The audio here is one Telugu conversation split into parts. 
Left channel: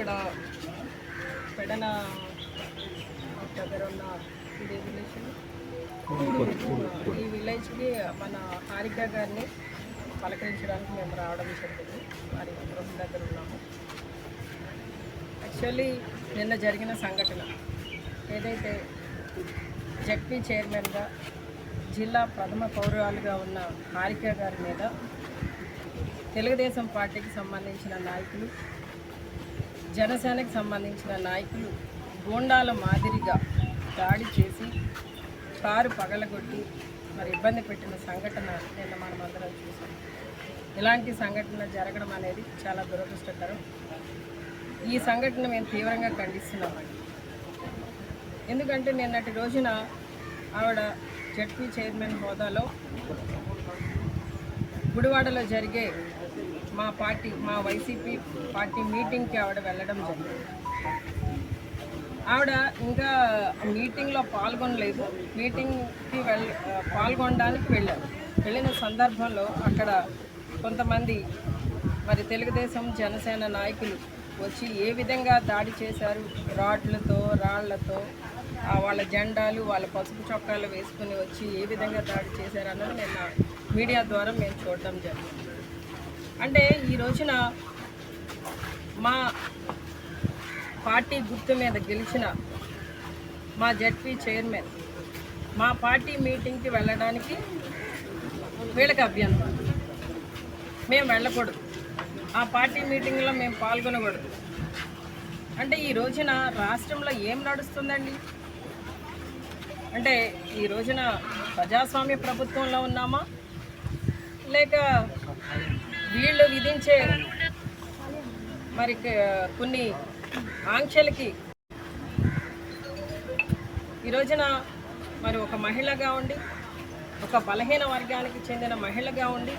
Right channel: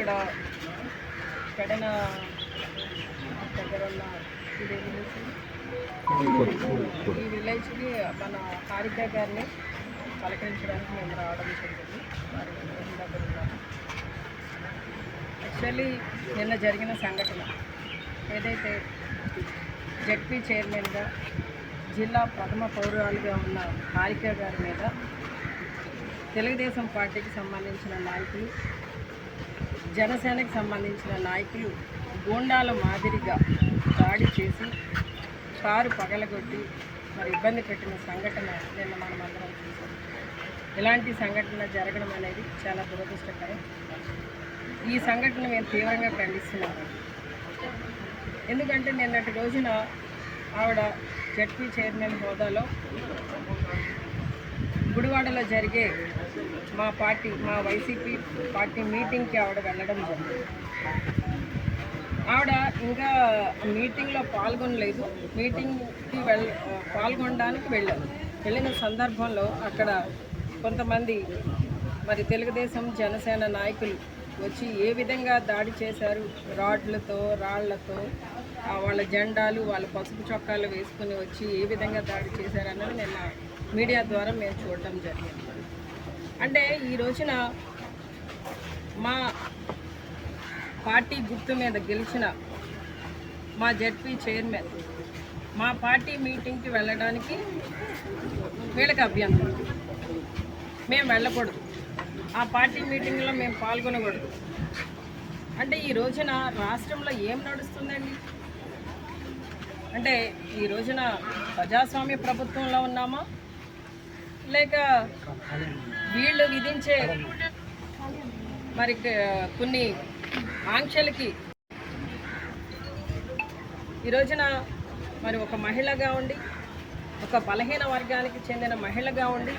ఇక్కడ పెడన దగ్గర ఉన్న ఇది విలేజ్ ఈ విలేజ్కి మన హారిక గారిని పలకరించడానికి మేము రావడం జరిగింది. మరి గృహం దగ్గర ఉన్నాము. యాక్చువల్లీ నిన్న జరిగిన సంఘటన ఏదైతే జడ్పీ చైర్మన్గా జిల్లా ప్రథమ పౌరాలుగా ఉన్న హారిక గారి మీద తెలుగుదేశం పార్టీకి సంబంధించిన నాయకులు జనసేనకి సంబంధించిన నాయకులు గూండాల మాదిరిగా దాడి చేసి కారు పగలగొట్టి మరి ఇబ్బంది పెట్టిన సంఘటన నిన్న మనం అందరం చూసాం. ఇలాంటి సంఘటన జరగడం అనేది చాలా దురదృష్టకరం. ఈ సంఘటన మేము తీవ్రంగా ఖండిస్తున్నామండి ఎందుకంటే నిన్నటి రోజున ఆవిడ జడ్పీ చైర్మన్ హోదాలో గుడివాడలో జరిగే మా పార్టీ మా వైసీపీ పార్టీ మీటింగ్కి ఆవిడ వెళ్ళడం జరిగింది. ఆవిడ ఇంకా మీటింగ్లో పాల్గొనలేదు. మీటింగ్కి వెళ్ళ పాల్గొనడానికి వెళ్ళారు. వెళ్ళిన సందర్భంలో అక్కడ కొంతమంది మరి తెలుగుదేశం జనసేన నాయకులు వచ్చి ఏ విధంగా దాడి చేశారు? రాడ్లతో రాళ్ళతో వాళ్ళ జెండాలు వాళ్ళ పసుపు చొక్కాలు వేసుకుని వచ్చి ఏ విధంగా దాడి చేశారు అన్నది నేను మీడియా ద్వారా మేము చూడడం జరిగింది. అంటే ఈ రోజున మా పార్టీ గుర్తు మీద గెలిచిన మా జడ్పీ చైర్మన్ మా పార్టీ మీటింగ్కి వెళ్ళడానికి వీళ్ళకి అభ్యంతరం. మేము వెళ్ళకూడదు. ఆ పార్టీ మీటింగ్లో మేము పాల్గొనకూడదు. అంటే ఈ రోజున రాష్ట్రంలో ఏం నడుస్తుందండి? అంటే ఈ రోజున ప్రజాస్వామ్య ప్రభుత్వంలో ఉన్నామా? లేక వీళ్ళు విధించే మరి కొన్ని ఆంక్షలకి ఈ రోజున మరి ఒక మహిళగా ఉండి ఒక బలహీన వర్గానికి చెందిన మహిళగా ఉండి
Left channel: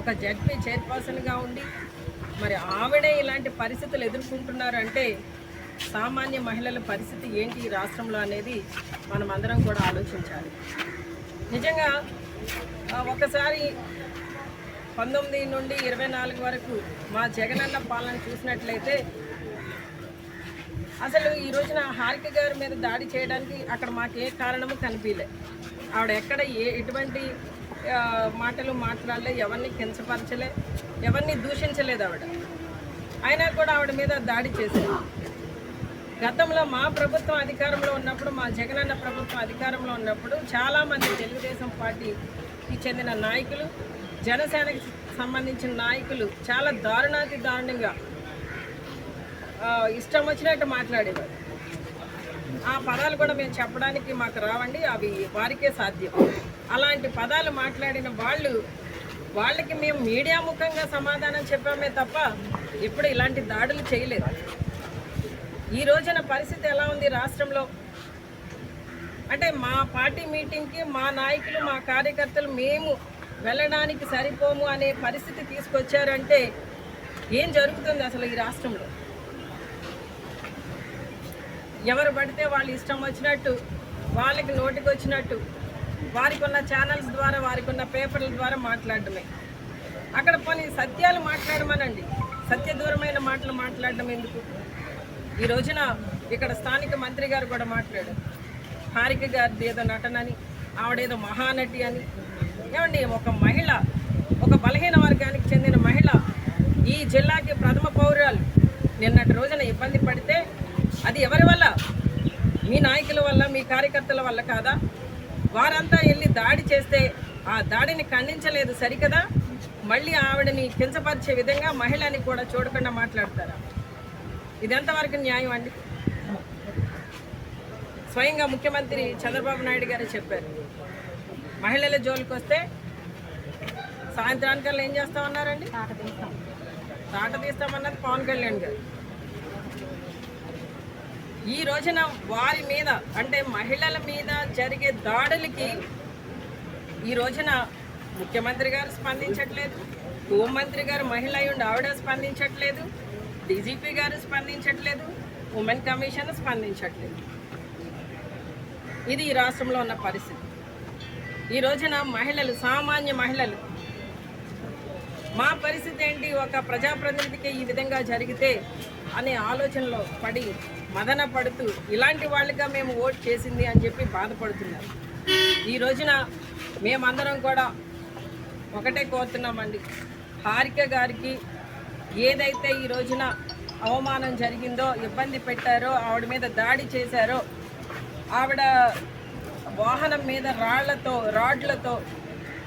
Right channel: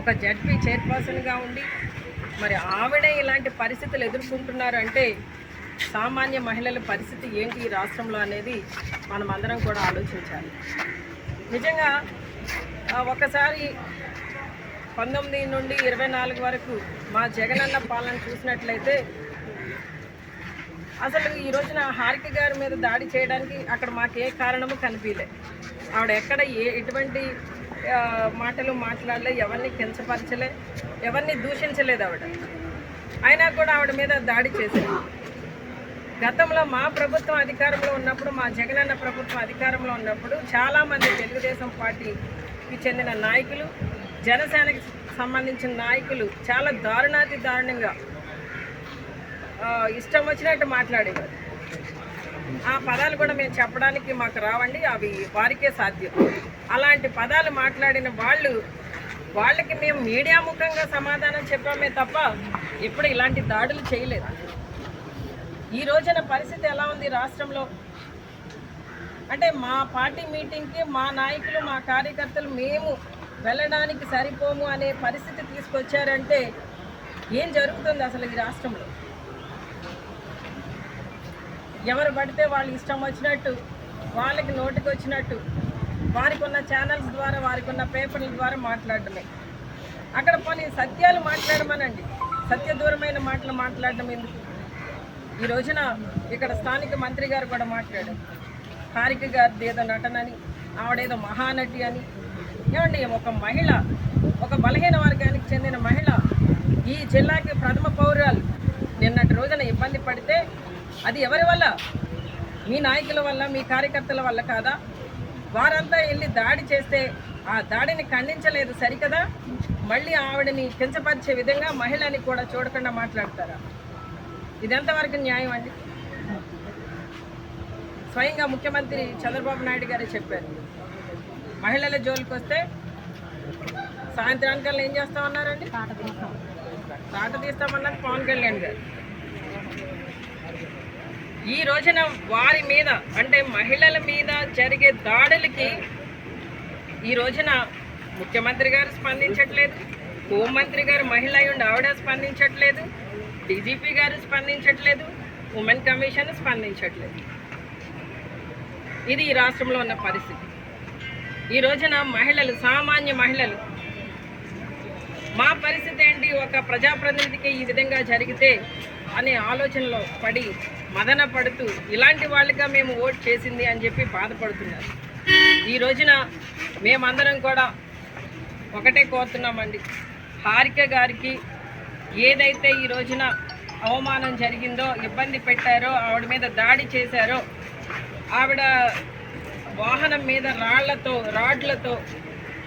ఒక జడ్పీ చైర్పర్సన్గా ఉండి మరి ఆవిడే ఇలాంటి పరిస్థితులు ఎదుర్కొంటున్నారు అంటే సామాన్య మహిళల పరిస్థితి ఏంటి ఈ రాష్ట్రంలో అనేది మనం అందరం కూడా ఆలోచించాలి. నిజంగా ఒకసారి పంతొమ్మిది నుండి ఇరవై నాలుగు వరకు మా జగనన్న పాలన చూసినట్లయితే అసలు ఈ రోజున హారిక గారి మీద దాడి చేయడానికి అక్కడ మాకు ఏ కారణము కనిపించలే. ఆవిడ ఎక్కడ ఏ ఎటువంటి మాటలు మాట్లాడలే ఎవరిని కించపరచలే ఎవరిని దూషించలేదు ఆవిడ. అయినా కూడా ఆవిడ మీద దాడి చేశారు. గతంలో మా ప్రభుత్వం అధికారంలో ఉన్నప్పుడు మా జగనన్న ప్రభుత్వం అధికారంలో ఉన్నప్పుడు చాలామంది తెలుగుదేశం పార్టీకి చెందిన నాయకులు జనసేనకి సంబంధించిన నాయకులు చాలా దారుణాతి దారుణంగా ఇష్టం వచ్చినట్టు మాట్లాడేవారు. ఆ పదాలు కూడా మేము చెప్పడానికి మాకు రావండి అవి వారికే సాధ్యం. అలాంటి పదాలు మాట్లాడిన వాళ్ళు వాళ్ళకి మేము మీడియా ముఖంగా సమాధానం చెప్పామే తప్ప ఇప్పుడు ఇలాంటి దాడులు చేయలేదు. ఈ రోజున పరిస్థితి ఎలా ఉంది రాష్ట్రంలో? అంటే మా పార్టీ మీటింగ్కి మా నాయకులు మా కార్యకర్తలు మేము వెళ్ళడానికి సరిపోము అనే పరిస్థితి తీసుకొచ్చారంటే ఏం జరుగుతుంది అసలు ఈ రాష్ట్రంలో? ఎవరు పడితే వాళ్ళు ఇష్టం వచ్చినట్టు వాళ్ళకి నోటికి వచ్చినట్టు వారికి ఉన్న ఛానల్స్ ద్వారా వారికి ఉన్న పేపర్ల ద్వారా మాట్లాడడమే. అక్కడ పని సత్యాలు మాట్లాడమనండి. సత్యదూరమైన మాటలు మాట్లాడడం ఎందుకు? ఈ రోజున ఇక్కడ స్థానిక మంత్రి గారు కూడా మాట్లాడారు. హారిక గారిది ఏదో నటనని ఆవిడేదో మహానటి అని ఏమండి ఒక మహిళ ఒక బలహీన వర్గానికి చెందిన మహిళ ఈ జిల్లాకి ప్రథమ పౌరాలు నిన్నటి రోజున ఇబ్బంది పడితే అది ఎవరి వల్ల? మీ నాయకుల వల్ల మీ కార్యకర్తల వల్ల కాదా? వారంతా వెళ్ళి దాడి చేస్తే ఆ దాడిని ఖండించలేదు సరికదా? మళ్ళీ ఆవిడని కించపరిచే విధంగా మహిళని కూడా చూడకుండా మాట్లాడతారా? ఇదెంతవరకు న్యాయం అండి? స్వయంగా ముఖ్యమంత్రి చంద్రబాబు నాయుడు గారే చెప్పారు. మహిళల జోలికి వస్తే సాయంత్రానికల్లా ఏం చేస్తామన్నారండి? తాట తీస్తామన్నది పవన్ కళ్యాణ్ గారు. ఈ రోజున వారి మీద అంటే మహిళల మీద జరిగే దాడులకి ఈ రోజున ముఖ్యమంత్రి గారు స్పందించట్లేదు. హోంమంత్రి గారు మహిళ ఉండి ఆవిడ స్పందించట్లేదు. డీజీపీ గారు స్పందించట్లేదు. Women commission స్పందించట్లేదు. ఇది ఈ రాష్ట్రంలో ఉన్న పరిస్థితి. ఈ రోజున మహిళలు సామాన్య మహిళలు మా పరిస్థితి ఏంటి? ఒక ప్రజాప్రతినిధికి ఈ విధంగా జరిగితే అనే ఆలోచనలో పడి మదన పడుతూ ఇలాంటి వాళ్ళగా మేము ఓట్ చేసింది అని చెప్పి బాధపడుతున్నారు. ఈ రోజున మేమందరం కూడా ఒకటే కోరుతున్నామండి. హారిక గారికి ఏదైతే ఈ రోజున అవమానం జరిగిందో ఇబ్బంది పెట్టారో ఆవిడ మీద దాడి చేశారో ఆవిడ వాహనం మీద రాళ్ళతో రాడ్లతో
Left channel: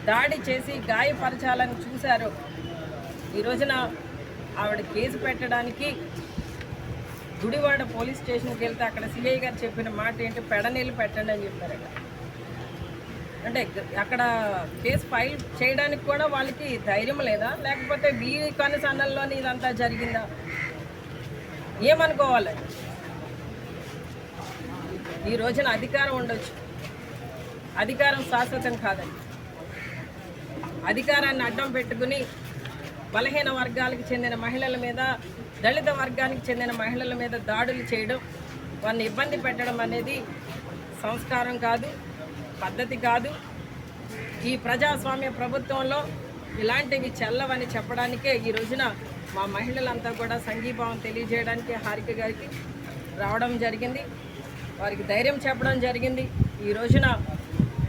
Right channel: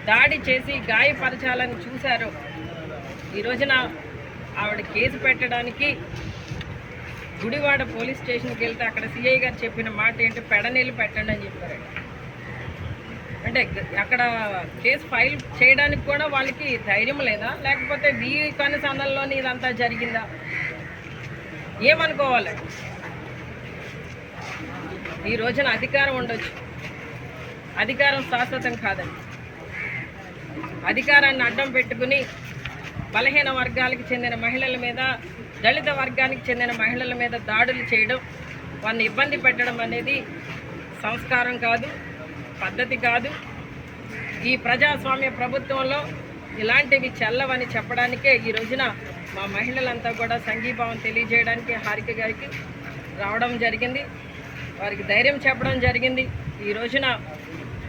దాడి చేసి గాయపరచాలని చూశారు. ఈ రోజున ఆవిడ కేసు పెట్టడానికి గుడివాడ పోలీస్ స్టేషన్కి వెళ్తే అక్కడ సిఐ గారు చెప్పిన మాట ఏంటి పెడనీళ్ళు పెట్టండి అని చెప్పారట. అంటే అక్కడ కేసు ఫైల్ చేయడానికి కూడా వాళ్ళకి ధైర్యం లేదా? లేకపోతే వీరి కనుసన్నల్లోని ఇదంతా జరిగిందా? ఏమనుకోవాలి? ఈ రోజున అధికారం ఉండొచ్చు. అధికారం శాశ్వతం కాదండి. అధికారాన్ని అడ్డం పెట్టుకుని బలహీన వర్గాలకు చెందిన మహిళల మీద దళిత వర్గానికి చెందిన మహిళల మీద దాడులు చేయడం వాళ్ళని ఇబ్బంది పెట్టడం అనేది సంస్కారం కాదు పద్ధతి కాదు. ఈ ప్రజాస్వామ్య ప్రభుత్వంలో ఇలాంటివి చెల్లవని చెప్పడానికే ఈ రోజున మా మహిళలంతా కూడా సంఘీభావం తెలియజేయడానికి హారిక గారికి రావడం జరిగింది. వారికి ధైర్యం చెప్పడం జరిగింది. ఈ రోజున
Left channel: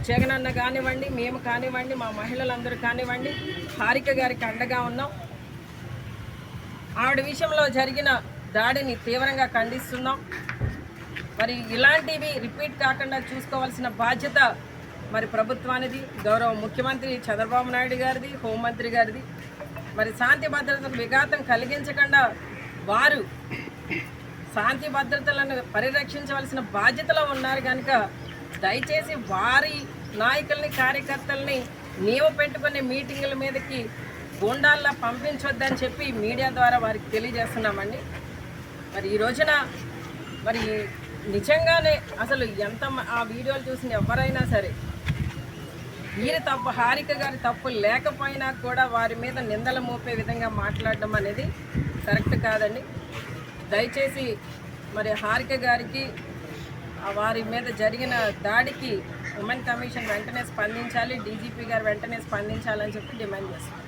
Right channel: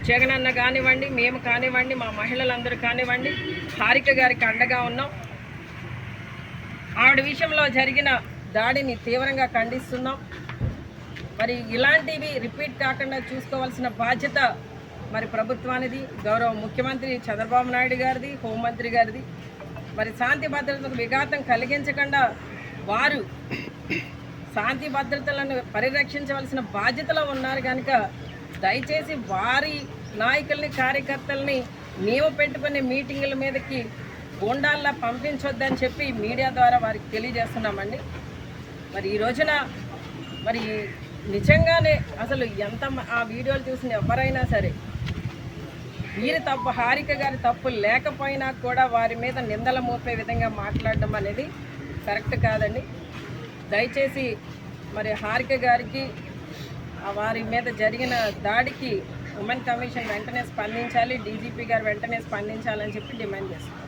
జగనన్న కానివ్వండి మేము కానివ్వండి మా మహిళలందరూ కానివ్వండి హారిక గారికి అండగా ఉన్నాం. ఆవిడ విషయంలో జరిగిన దాడిని తీవ్రంగా ఖండిస్తున్నాం. మరి ఇలాంటివి రిపీట్ కాకుండా చూసుకోవాల్సిన బాధ్యత మరి ప్రభుత్వానిది గౌరవ ముఖ్యమంత్రి చంద్రబాబు నాయుడు గారిది హోంమంత్రి గారిది. మరి శాంతి భద్రతకు విఘాతం కలిగించకుండా వారు శాంతి భద్రతలను పరిరక్షించవలసిన బాధ్యతలో ఉన్నారు కనుక దయచేసి వారి నాయకుల్ని కార్యకర్తల్ని నీవు పెట్టుకునే మీటింగుల మీదకి గుండాల్లో పంపించొద్దని చెప్పి మీడియా ద్వారా వారికి తెలియజేస్తున్నామండి. మరి ఈ రోజున మరి నిజంగానే అసలు ఎంత ఆ వీడియోలు చూసిన ఎవరైనా సరే వీరి తప్పు హారిక గారి తప్పు లేకపోయినా కూడా వారి మీద నిందల మోపే విధంగా మాట్లాడడం అనేది కరెక్ట్ కాదండి. దయచేసి మరి హారిక గారికి వారి మీద జరిగిన దాడికి ఉమెన్ కమిషన్ వెంటనే స్పందించాలి డీజీపీ గారు వెంటనే స్పందించాలని చెప్పి డిమాండ్ చేస్తున్నారు.